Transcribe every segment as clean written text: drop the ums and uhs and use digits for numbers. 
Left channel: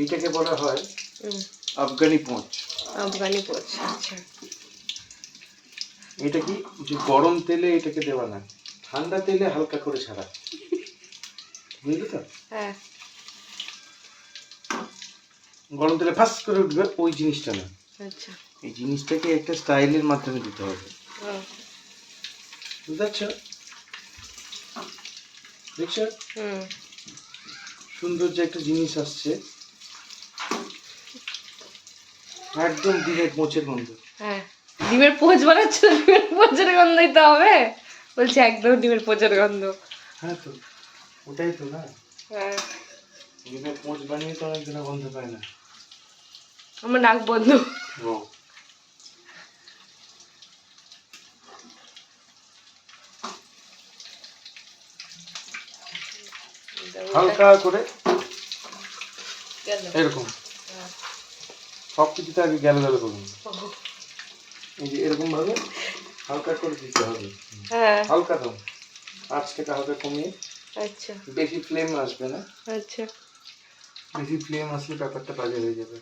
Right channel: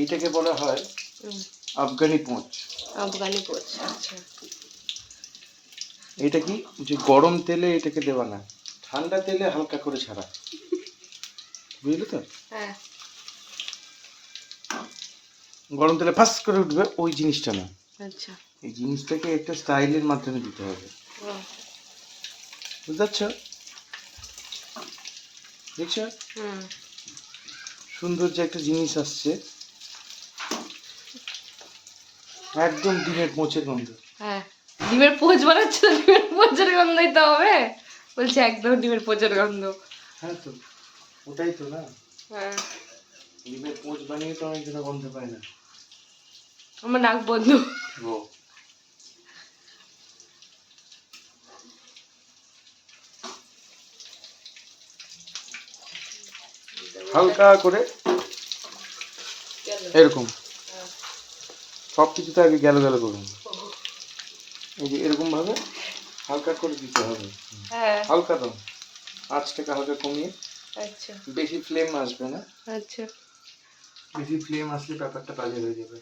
এইটাকে বলা হয় আফগানি পোঁচ। আফগানি পোঁচ, আচ্ছা। এটা কি যে গরম তেলে এটাকে দেওয়া না, ঠান্ডা তেলে হালকা করে ছাড়া, বুঝলি তো? হ্যাঁ। গরম তেলে ফাঁস করে উঠবে ওই জিনিসটা না। আচ্ছা। এই জিনিসটাকে একটা স্টাইলের মাধ্যমে দিতে হবে, বুঝতে পারছো? দেখছো সুন্দর যে একটা জিনিস আসছে, একদম ডিমের পোঁচের গন্ধ। হ্যাঁ, ডিমের পোঁচ বানাচ্ছ, ডিমের পোঁচের গন্ধই তো হবে। বলছে একদম ডিমের পোঁচের গন্ধ। হ্যাঁ তো ওটাই তো না। হ্যাঁ, ডিমের পোঁচ বানিয়ে তো অনেকজনে গন্ধ পায় না। আমার নাক বন্ধ। ও হালকা করে এরকম সব কিছুতে আগে গেল গেল করুন, এই যে এরকম ভাবে হালকা করে দিতে হবে। হ্যাঁ, হালকা দাও, আঁচটাকে হালকা কমিয়ে। আচ্ছা, বেশি ফ্লেম আসবে না, আচ্ছা। বেশি ফ্লেম আসলে ব্যাপারটা বাজে হয়ে যাবে।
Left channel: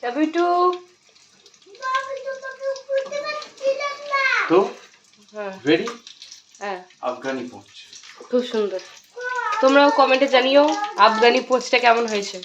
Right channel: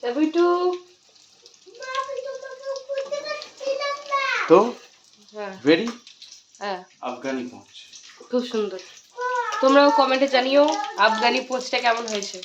চাবিটু তো হ্যাঁ, রেডি হ্যাঁ, আফগানি পোঁচ। খুব সুন্দর। তোমরাও কমেন্টে জানিও আফগানি পোঁচটা কেমন হয়েছে।